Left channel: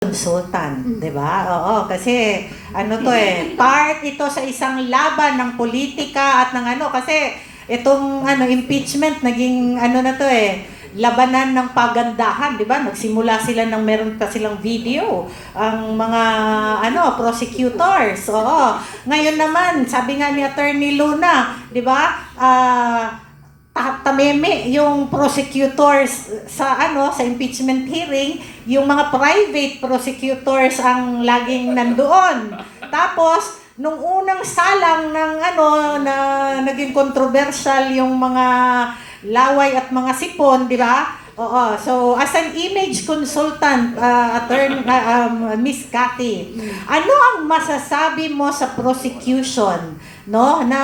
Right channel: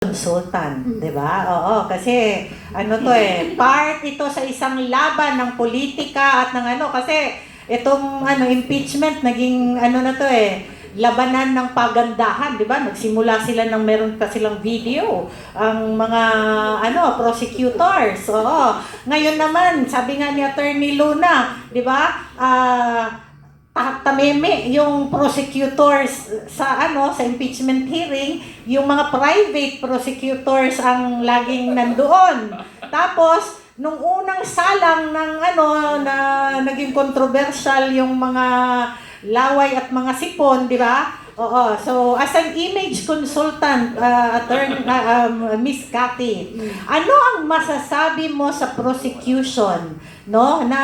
consultant, 'di ba? Oo, kasi part ito sa isang laban ng politika at ng kasi itong impeachment naging na to labanan ng pagandahan, 'di ba? Nagsimula sila ng meron pa silang video ang mga prosecutors. Oo. Ngayon naman, sabi nga ni Attorney Luna, 'di ba? Tameme yung prosecutors sa sa impeachment hearing, yung mga private prosecutors ang laging nandoon. Tapos nung unang salang ng na naging controversial yung mga laway at mga sipon, di ba? Oo. So as an image consultant, Miss Cathy, ano ang masasabi mo sa prosecution, no? Na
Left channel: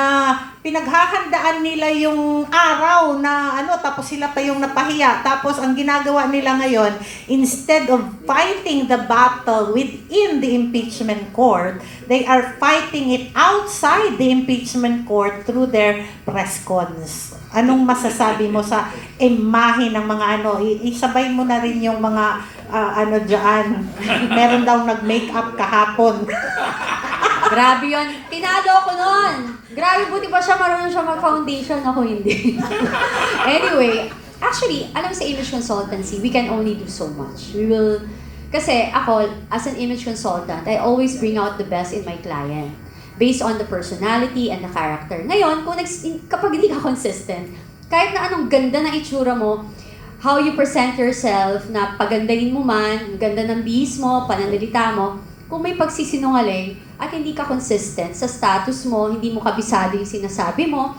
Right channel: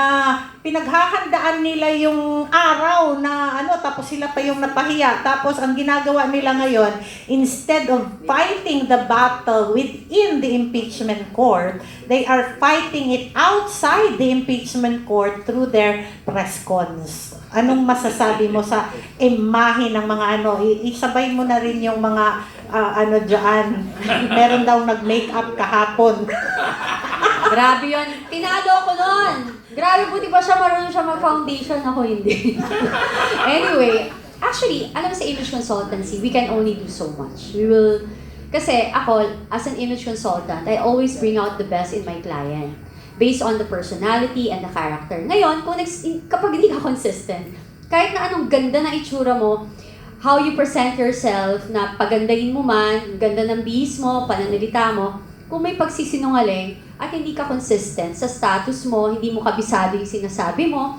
pinaghahandaan nila yung araw na tapos sila pa yung napahiya. Tapos ang ginagawa nila ngayon, instead of fighting the battle within the impeachment court, they are fighting it outside the impeachment court through their press cons. Anong masasabi mo sa imahe ng mga isabay mo na rin yung mga dyan. Meron daw nag-makeup kahapon. Grabe yun. Tinalo ako nun. Grabe, buti ba siya marunong siya mag-foundation, ako hindi. Anyway, actually, alam mo sa image consultancy, we can only do so much. Kasi ako, as an image consultant, I always bring out the best in my client based on the personality and the character. Ngayon, kapag hindi ka consistent, kahit na anong ganda ng itsura mo, how you present yourself, na pagandahin mo man, ganda ng bihis mo, pananalita mo, kung may pagsisinungaling at hindi ka consistent sa status mo, hindi mo kabisado yung sinasabi mo,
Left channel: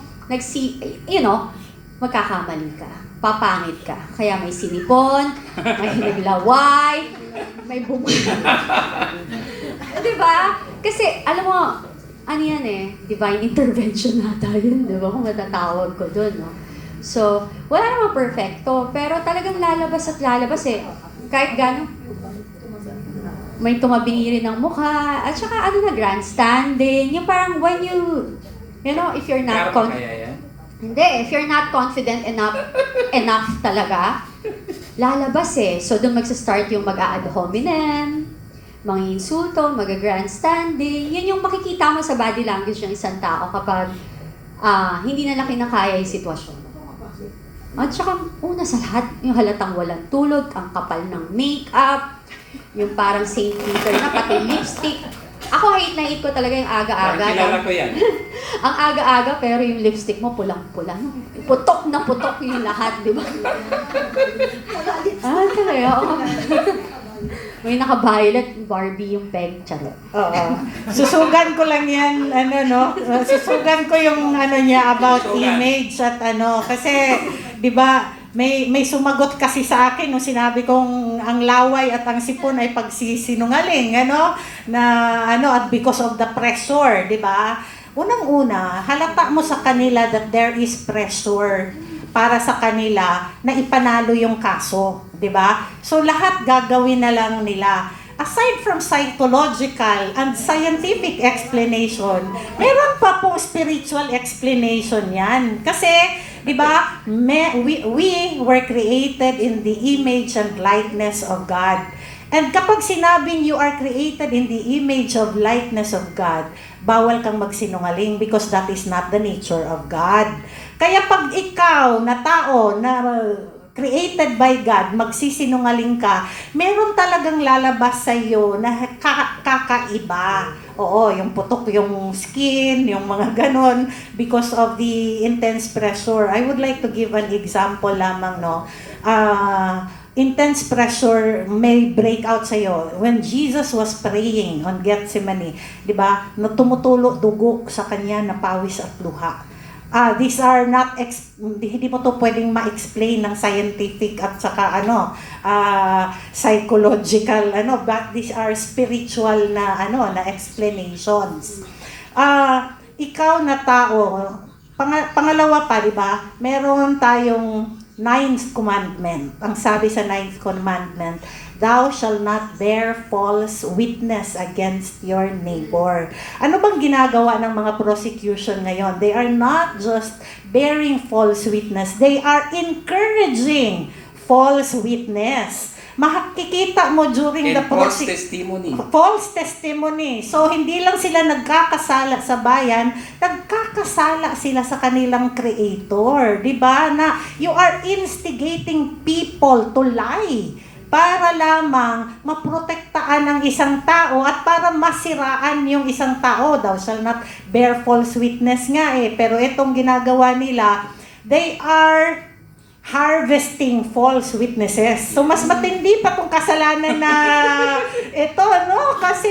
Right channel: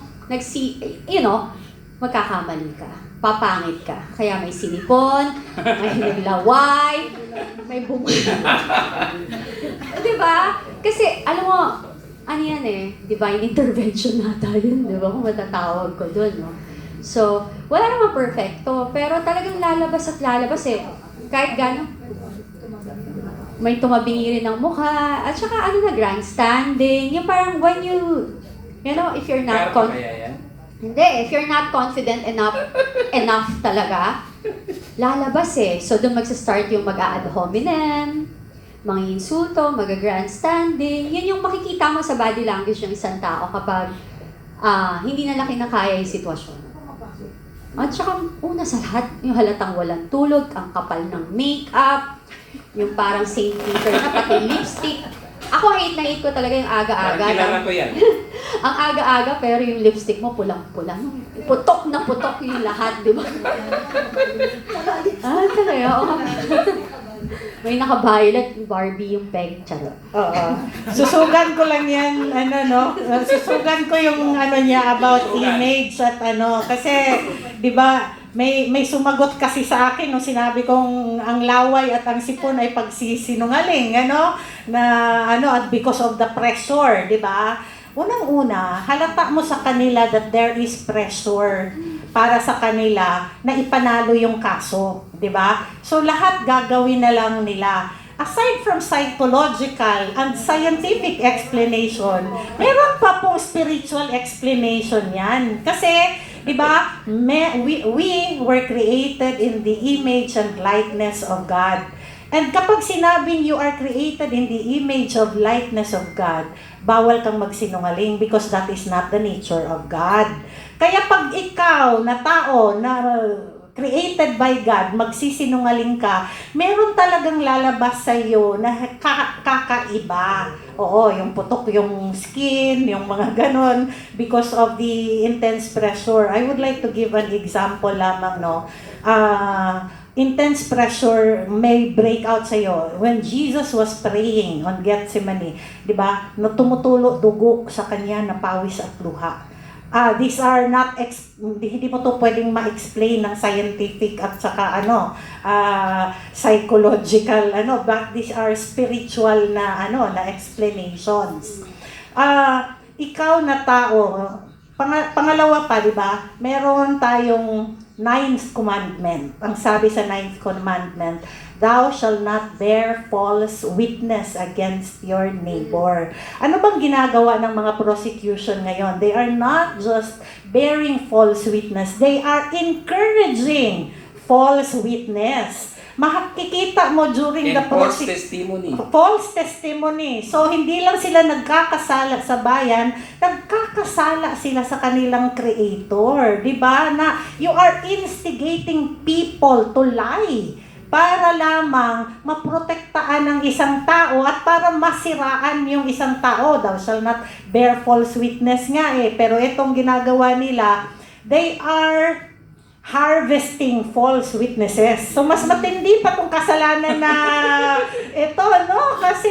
magkakamali ka, papangit ka. Kaya may sinipon, may naglaway, may diba? Kasi, alam mo, divine intervention na tayo, diba? Kung matatawag ko dun, no? So, wala namang perfecto, pero talagang lalabas at lalabas kahit gano'n. May tumabingi rin ng mukha, at saka grandstanding, yung parang when if you're not if you're not confident enough talaga, lalabas So doon magsa-start yung mag-a-ad hominem, mga insulto, mag-grandstanding, yun yung makikita mo sa body language ng isang tao kapag hindi na kinakaya yung sitwasyon. At saka, una sa lahat, yung halatang walang tulog, ang kapal ng makeup, yung parang St. Peter na pati lipstick. Ako, hate na hate ko talaga yung aga-aga. Kilala ko yan. Ang aga-aga, pero yung lipstick mo pulang-pula. Putok na putok yung lahat, di ba? Talaga, may naka-violet Barbie yung peg, charot. Oo. Susugan ko lang yan, susugan ko yung niya about image at kasi, di ba, may sumagot kasi sa akin nung sinabi kong ang laway at ang sipon ay pagsisinungaling, at because of the pressure, di ba? Unang-una, halata mo sa kanila that there is pressure para sa kanila na ipanalo yung kaso, di ba? So lahat gagawin na lang nila. Aside from psychological and scientific explanation, meron pa pong spiritual explanation yan. Kasi, di ba, we were created in the image and likeness of God. And kapag sinabing you are created in the image of likeness of God, bawal kang magsinungaling because that is not the nature of God. Kaya pag ikaw na tao na created by God, magsisinungaling ka, meron talagang lalabas sa iyo na kakaiba. Oo, yung putok yung skin, yung mga ganon, because of the intense pressure. I would like to give an example lamang, intense pressure may break out sa iyo. When Jesus was praying on Gethsemane, di ba, tumutulo dugo sa kanya na pawis at luha. These are not, hindi mo to pwedeng ma-explain ng scientific at saka psychological, but these are spiritual na explanations. Ikaw na tao, pangalawa pa, di ba, meron tayong 9th commandment. Ang sabi sa 9th commandment, thou shall not bear false witness against your neighbor. Ano bang ginagawa ng mga prosecution ngayon? They are not just bearing false witness. They are encouraging false witness. makikita mo during the And false process. testimony. False testimony. So, hindi lang sila nagkakasala sa bayan, nagkakasala sila sa kanilang creator. Diba? Na you are instigating people to lie para lamang maprotektaan ng isang tao at para masiraan yung isang tao. Thou shall not bear false witness nga eh. Pero itong ginagawa nila, they are harvesting false witnesses. So, mas matindi pa kung kasalanan na ito, no? Kasi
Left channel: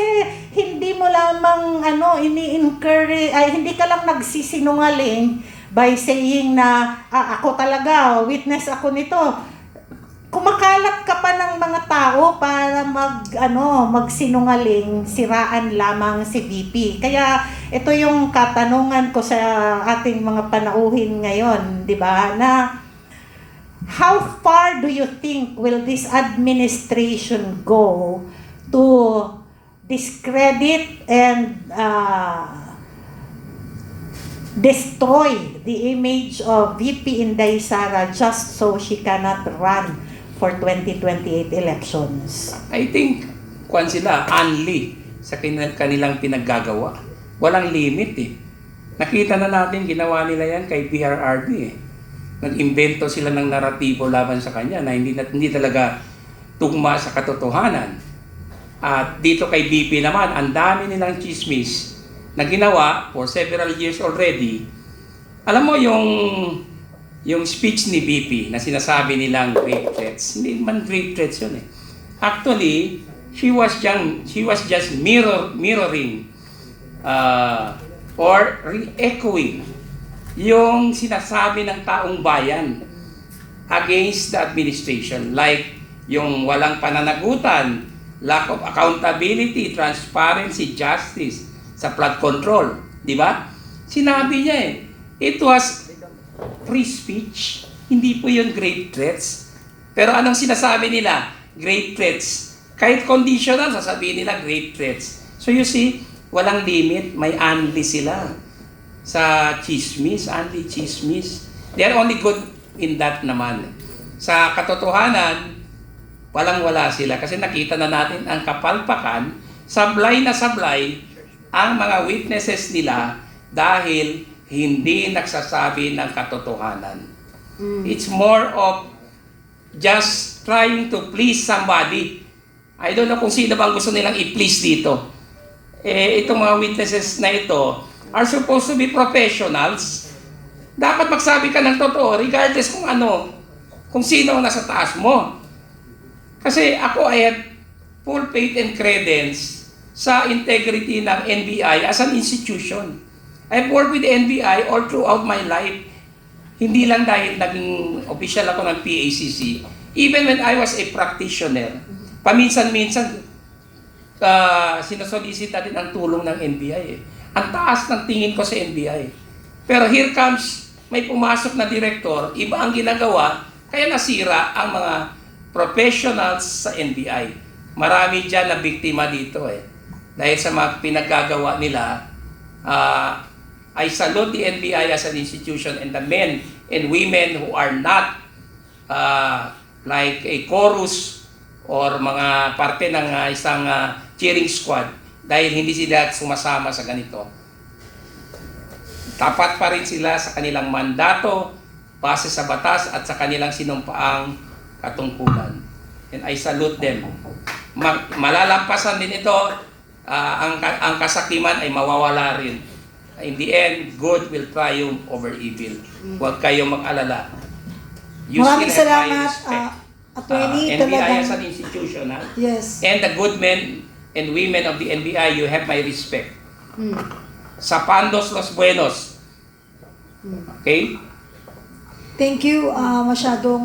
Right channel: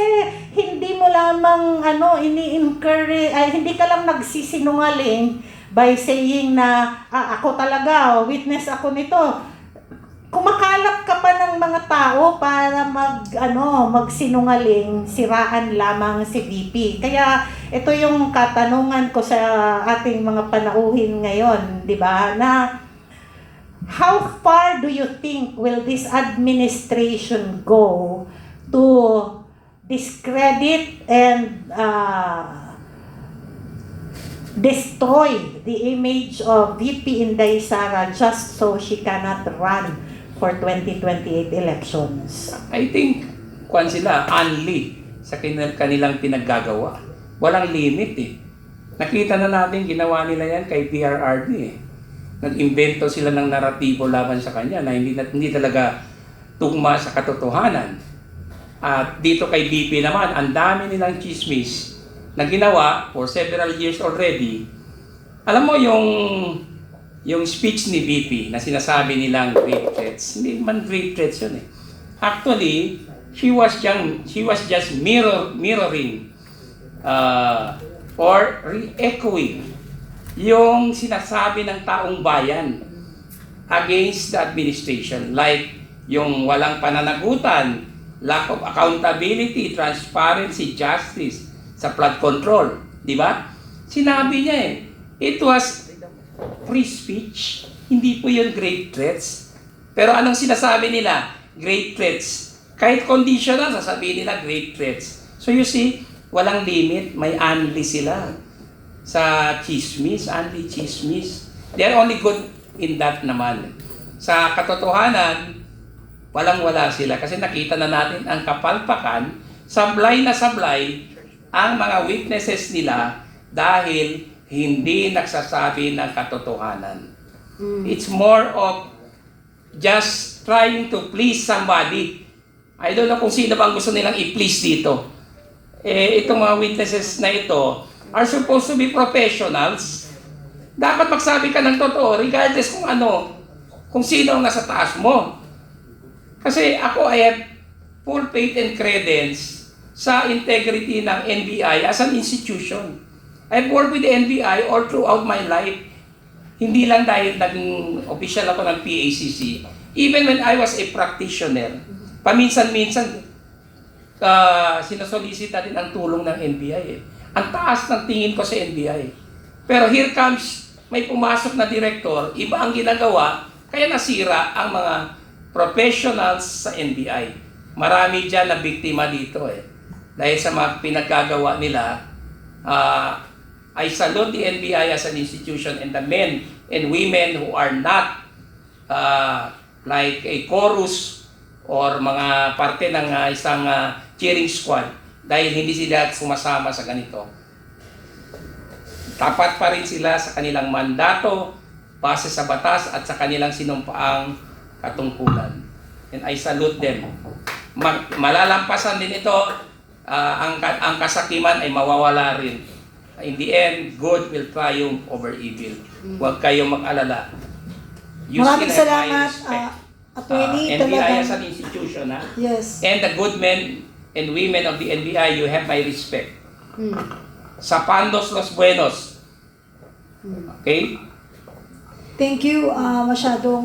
hindi mo lamang, ini-encourage, ay, hindi ka lang nagsisinungaling by saying na, ako talaga, witness ako nito. Kumakalap ka pa ng mga tao para magsinungaling, siraan lamang si VP. Kaya ito yung katanungan ko sa ating mga panauhin ngayon, di ba? Na how far do you think will this administration go to discredit and destroy the image of VP Inday Sara just so she cannot run for 2028 elections? I think, kung sila, unli sa kanilang pinaggagawa. Walang limit eh. Nakita na natin, ginawa nila yan kay PRRD eh. Nag-invento sila ng naratibo laban sa kanya na hindi talaga tugma sa katotohanan. At dito kay BP naman, ang dami nilang chismis na ginawa for several years already. Alam mo yung speech ni BP na sinasabi nilang grave threats, hindi man grave threats yun eh. Actually, she was just mirroring or re-echoing yung sinasabi ng taong bayan against the administration, like yung walang pananagutan, lack of accountability, transparency, justice sa flood control, di ba? Sinabi niya it was free speech, hindi po yun grave threats. Pero anong sinasabi nila? Grave threats. Kahit conditional, sasabihin nila grave threats. So you see, walang limit, may unli sila sa chismis, anti-chismis. They are only good in that naman. Sa katotohanan, walang-wala sila kasi nakita na natin ang kapalpakan, sablay na sablay ang mga witnesses nila dahil hindi nagsasabi ng katotohanan. It's more of just trying to please somebody. I don't know kung sino bang gusto nilang i-please dito. Itong mga witnesses na ito are supposed to be professionals. Dapat magsabi ka ng totoo regardless kung sino ang nasa taas mo. Kasi ako I have full faith and credence sa integrity ng NBI as an institution. I've worked with the NBI all throughout my life. Hindi lang dahil naging official ako ng PACC. Even when I was a practitioner, paminsan-minsan sinasolicita din ang tulong ng NBI eh. Ang taas ng tingin ko sa NBI. Pero here comes, may pumasok na direktor, iba ang ginagawa, kaya nasira ang mga professionals sa NBI. Marami dyan na biktima dito eh. Dahil sa mga pinagkagawa nila, I salute the NBI as an institution and the men and women who are not like a chorus or mga parte ng isang cheering squad dahil hindi sila sumasama sa ganito. Tapat pa rin sila sa kanilang mandato, base sa batas at sa kanilang sinumpaang katungkulan. And I salute them. Malalampasan din ito, ang kasakiman ay mawawala rin. In the end, good will triumph over evil. Huwag kayong mag-alala. You Maraming still have my salamat, respect. Attorney. NBI as an institution, ha? Yes. And the good men and women of the NBI, you have my respect. Sa Pandos Los Buenos. Okay? Thank you. Masyadong